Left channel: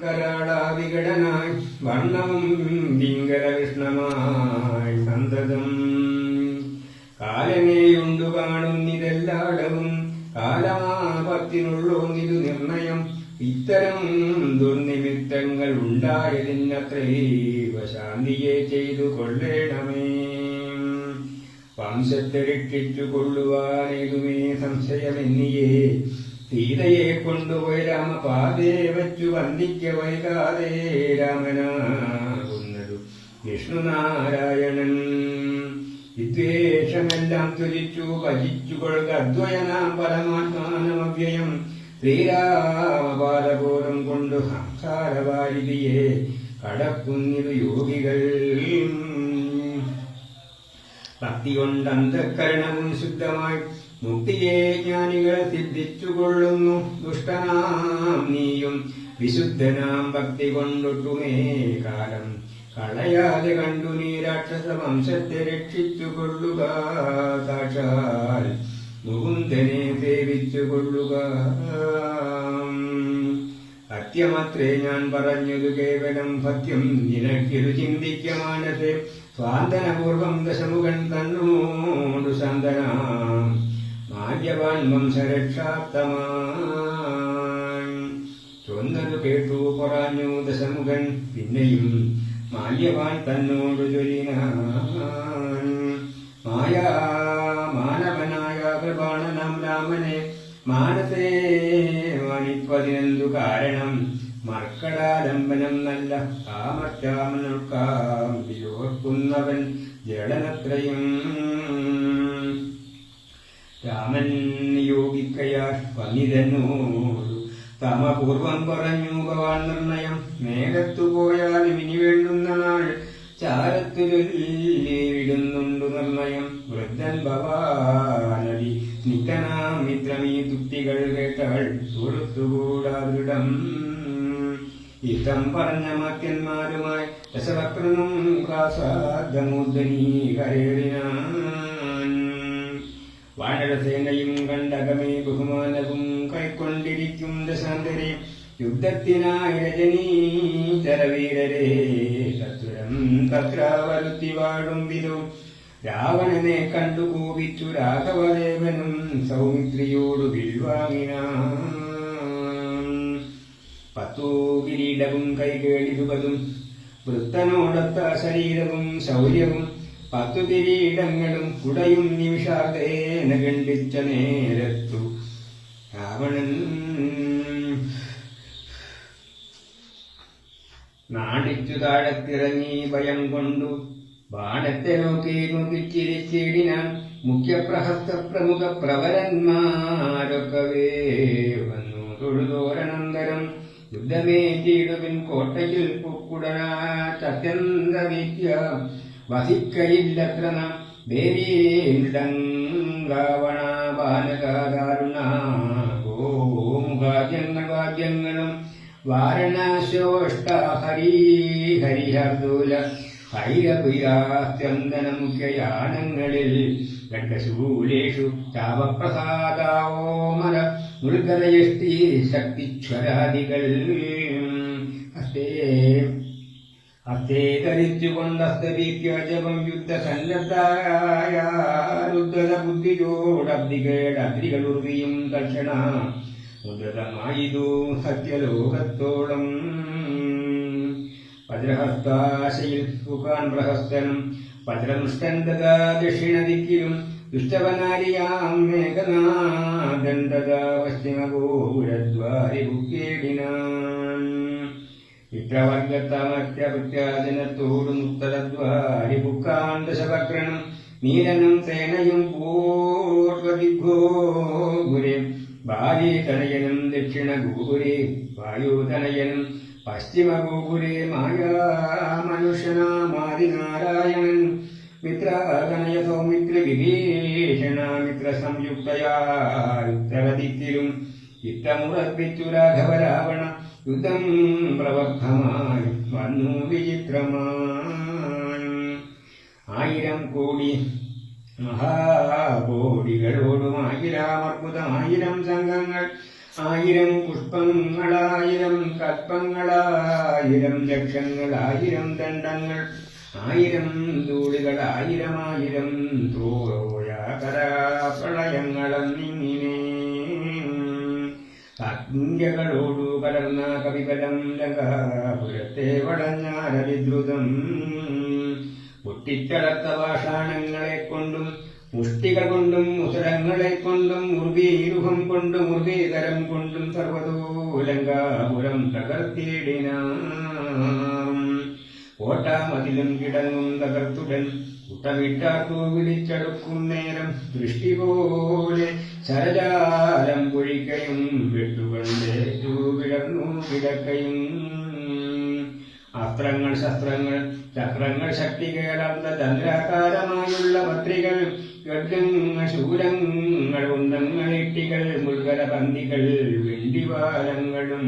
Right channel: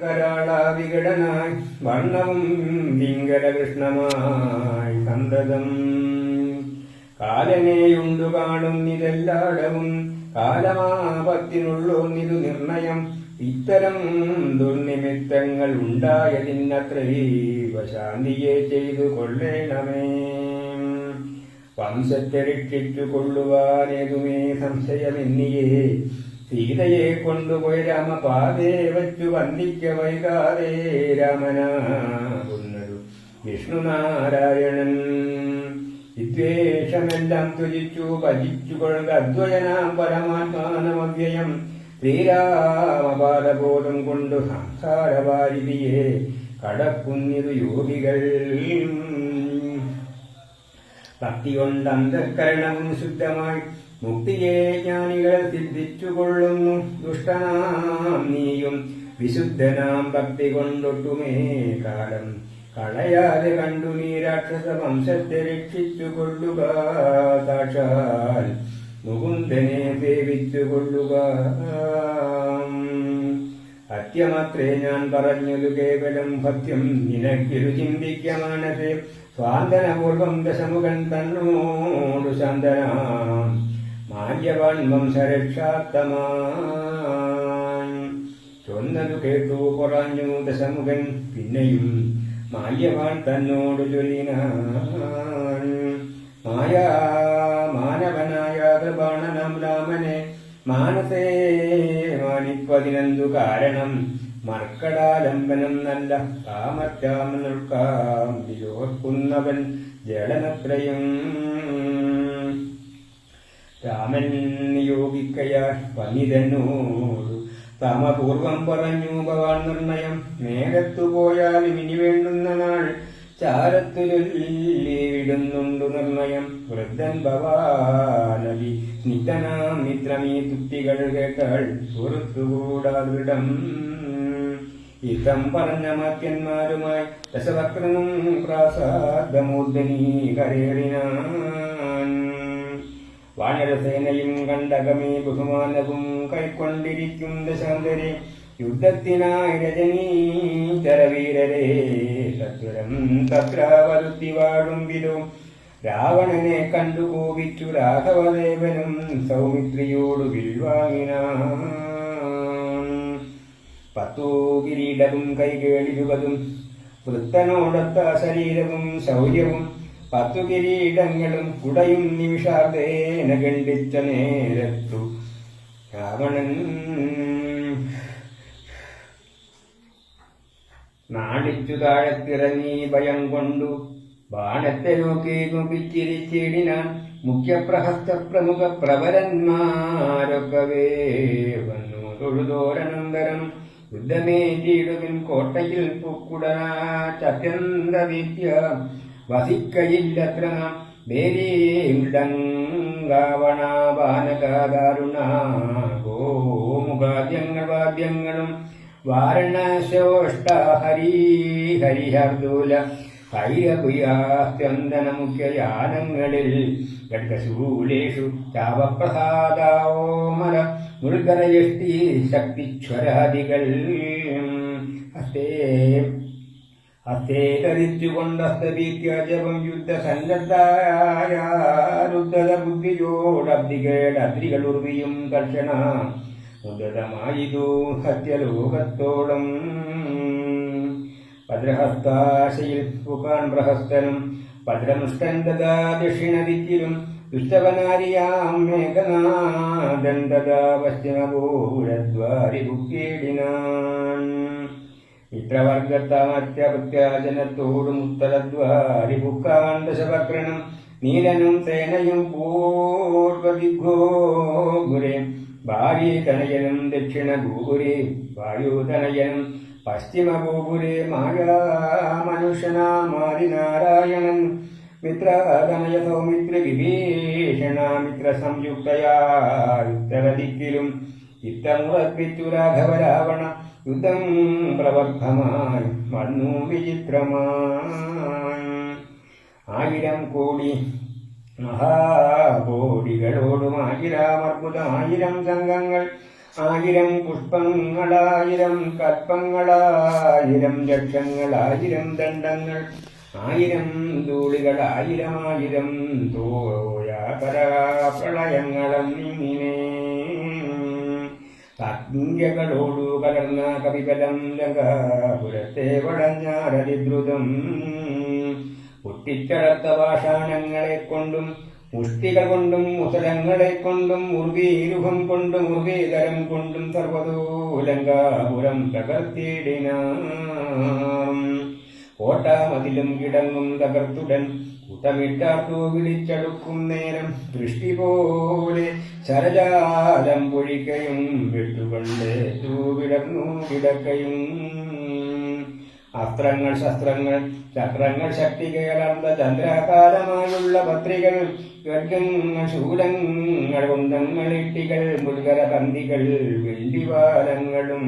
കരാളാവികടനായി വർണ്ണവും പിങ്കലകൃഷ്ണമായി സന്തതം കാലമേയുണ്ടു കാണുന്നിതെല്ലാടവും കാലമാപത്തിനുള്ളൊന്നിതു നിർണയം ഇത്തരം ദുർനിമിത്തങ്ങൾ ഉണ്ടായതിനത്രൈവ ശാന്തിയെ ചെയ്തു കൊള്ളേണമേ. വംശത്തെ രക്ഷിച്ചു കൊള്ളുവാനേതുമേ സംശയമെന്നിയേ സീതയെ കൊണ്ടുപോയി രാമപാതേ വച്ചു വന്ദിക്ക വൈകാതെ രാമനാകുന്നതു വിഷ്ണുനാരായണൻ. വിദ്വേഷമെല്ലാം തുലിച്ചു ഭജിച്ചു കൊള്ളുക അദ്വയനാം പരമാത്മാനമവ്യയം ശ്രീരാമപാദബോധം കൊണ്ടു സംസാരവാരിധിയെ കടക്കുന്നിതു യോഗികൾ. ഭക്തി കൊണ്ട് അന്ധകരണവും ശുദ്ധമായി മുക്തിയെ ജ്ഞാനികൾ സിദ്ധിച്ചുകൊള്ളുന്നു. ദുഷ്ടനാം നീയും വിശുദ്ധനാം ഭക്തി കൊണ്ടൊട്ടുമേ കാലം കളയാതെ കണ്ടു നീ രാക്ഷസ വംശത്തെ രക്ഷിച്ചുകൊള്ളുക. സാക്ഷാൽ മുകുന്ദനെ സേവിച്ചുകൊള്ളുക. സത്യമത്രേ ഞാൻ പറഞ്ഞതു കേവലം സത്യം നിനക്കിതു ചിന്തിക്ക മാനസേ. സ്വാന്തനപൂർവം ദശമുഖൻ തന്നോടു ശാന്തനാം മാല്യവാൻ വംശരക്ഷാത്തമായി ചൊന്നതു കേട്ടു പറഞ്ഞു ദശമുഖൻ. പിന്നെയും മാല്യവാൻ തന്നോടു ചൊല്ലിനാൻ. മാനവനായ കൃപാണനാം രാമനെ മാനസേ മാനിപ്പതിനെന്തു കാരണം. മർക്കടാലംബനം നല്ല സാമർത്യാമനുൾക്കാം വിലോർക്കുന്നവൻ ജഡനത്രയും. രാമൻ നിയോഗിക്കയാൽ പന്നിതന്നോടു തമപൂർവം പറഞ്ഞു ഭവാൻ നിർണയം. മേഘത്തു പോയാലും ഇനി വേണ്ടുന്ന നാൾ ചാരത്തു ചൊല്ലിവിടുന്നുണ്ടു നിർണയം. വൃദ്ധൻ ഭവാനടി നിത്യനാം മിത്രമീ തുക്തികൾ കേട്ടാൾ സുഹൃത്തുകൂടാദൃഢം. ഇതം പറഞ്ഞ മാത്യന്മാരുമായി ദശവക്രനും പ്രാസാദമൂർധനീ കരേറിനാൻ. വാനരസേനയും കണ്ടകമേ ബഹുമാനവും കൈക്കൊണ്ടിരിക്കും ദശാന്തരെ. യുദ്ധത്തിനായി രജനീചരവീരരെ ചതുരം തത്രാവരുത്തി വാഴും വിധം. രാവണനെ കണ്ടു കോപിച്ചു രാഘവദേവനും സൗമിത്രിയോടു വിൽവാങ്ങിനാൻ. 10 കിരീടവും കൈകേളിരുപതും വൃത്തനോടൊത്ത ശരീരവും ശൗര്യവും 10 കിരീടങ്ങളും കുടയും നിമിഷാർദ്ദേന ഖണ്ഡിച്ച നേരത്തു രാവണൻ നാടിച്ചു താഴത്തിറങ്ങി ഭയം കൊണ്ടു ബാണത്തെ നോക്കി നോക്കിച്ചിരിച്ചിടിനാൻ. മുഖ്യപ്രഹസ്ത പ്രമുഖ പ്രവരന്മാരൊക്കവേ വന്നു തൊഴുതോരനന്തരം. യുദ്ധമേറ്റിടുവിൻ കോട്ടയിൽ പൊക്കുടനാത്യന്ത വീത്യ വസിക്കയില്ലത്ര നാം. ദേവീണ്ടങ്കാവണാപാനകാരുണ ഗോമുഖാദ്യങ്ങൾ വാദ്യങ്ങളും വാരണശോഷ്ട ഹരിഹരിഹർദൂല ഭൈരഭുയാത്യന്തന മുഖ്യയാനങ്ങളിൽ ഖഡ്ഗശൂലേഷു ചാപപ്രസാദോമര ഉൾക്കരയഷ്ടി ശക്തിച്വരാദികൾ. ഹസ്തേ ധരിച്ചുകൊണ്ടസ്തരീത്യാജപം യുദ്ധസന്നദ്ധായ രുദ്ധത ബുദ്ധിയോടബ്ദികൾ ഉർവിയും തൽക്ഷണ ഉദതമായിതു സത്യലോകത്തോളം. ഭദ്രഹസ്താശയിൽ പുകാൻ പ്രഹസ്തനും ഭദ്രമുഷ്ടൻ തഥാ ദക്ഷിണദിക്കിലും. ദുഷ്ടവനാരിയാം മേഘനാഥൻ തഥാ പശ്ചിമപൂരദ്വാരി ബുക്കേടിനാൻ. മിത്രവർഗത്താമത്യപത്യാജനത്തോടും ഉത്തരദ്വാരി ബുക്കാൻ ദശവക്രനും. നീലനും സേനയും പൂർവദിഗ്ഗോപുരേ ഭാര്യതനയനും ദക്ഷിണഗോപുരേ വായുതനയനും പശ്ചിമഗോപുരേ മായാമനുഷ്യനാമാദിനാരായണൻ. മിത്രതനയ സൗമിത്ര വിഭീഷണ മിത്ര സംയുക്തയാ ഉത്തരദിക്കിലും. ഇത്തമുറപ്പിച്ചു രാഘവ രാവണ യുദ്ധം പ്രവർത്തമായി വന്നു വിചിത്രമായി. 1000 കോടി മഹാകോടികളോടും 1000 അർബുദം 1000 സംഘങ്ങൾ ആയിരം പുഷ്പങ്ങളായിരം കൽപ്പങ്ങളായിരം ലക്ഷങ്ങളായിരം ദണ്ഡങ്ങൾ ആയിരം ധൂളികളായിരമായിരം പ്രളയങ്ങളന്നിങ്ങനെ അഗ്നികളോടു കലർന്ന കവികലം ലങ്കാപുരത്തെ വടഞ്ഞാരതിദ്രുതം പൊട്ടിച്ചളർത്ത പാഷാണങ്ങളെ കൊണ്ടും മുഷ്ടികൾ കൊണ്ടും മുസലങ്ങളെ കൊണ്ടും മുർവീരുഹം കൊണ്ടും മുർവീതരം കൊണ്ടും സർവതോലങ്കാപുരം തകർത്തിടിനാം കോട്ടാമതിലും കിടങ്ങും തകർത്തുടൻ കൂട്ടമിട്ടാർക്കു വിളിച്ചടുക്കും നേരം ദൃഷ്ടി പോലെ ശരജാലം പൊഴിക്കയും വെട്ടുകൊണ്ടേറ്റു വിടർന്നു കിടക്കയും അസ്ത്രങ്ങൾ ശസ്ത്രങ്ങൾ ചക്രങ്ങൾ ശക്തികേളർന്ന ചന്ദ്രാകാരമായുള്ള പത്രികൾ ഗർഗങ്ങൾ ശൂലങ്ങൾ കുന്തങ്ങൾ ഇട്ടികൾ മുൾഗര പന്തികൾ വെള്ളിവാലങ്ങളും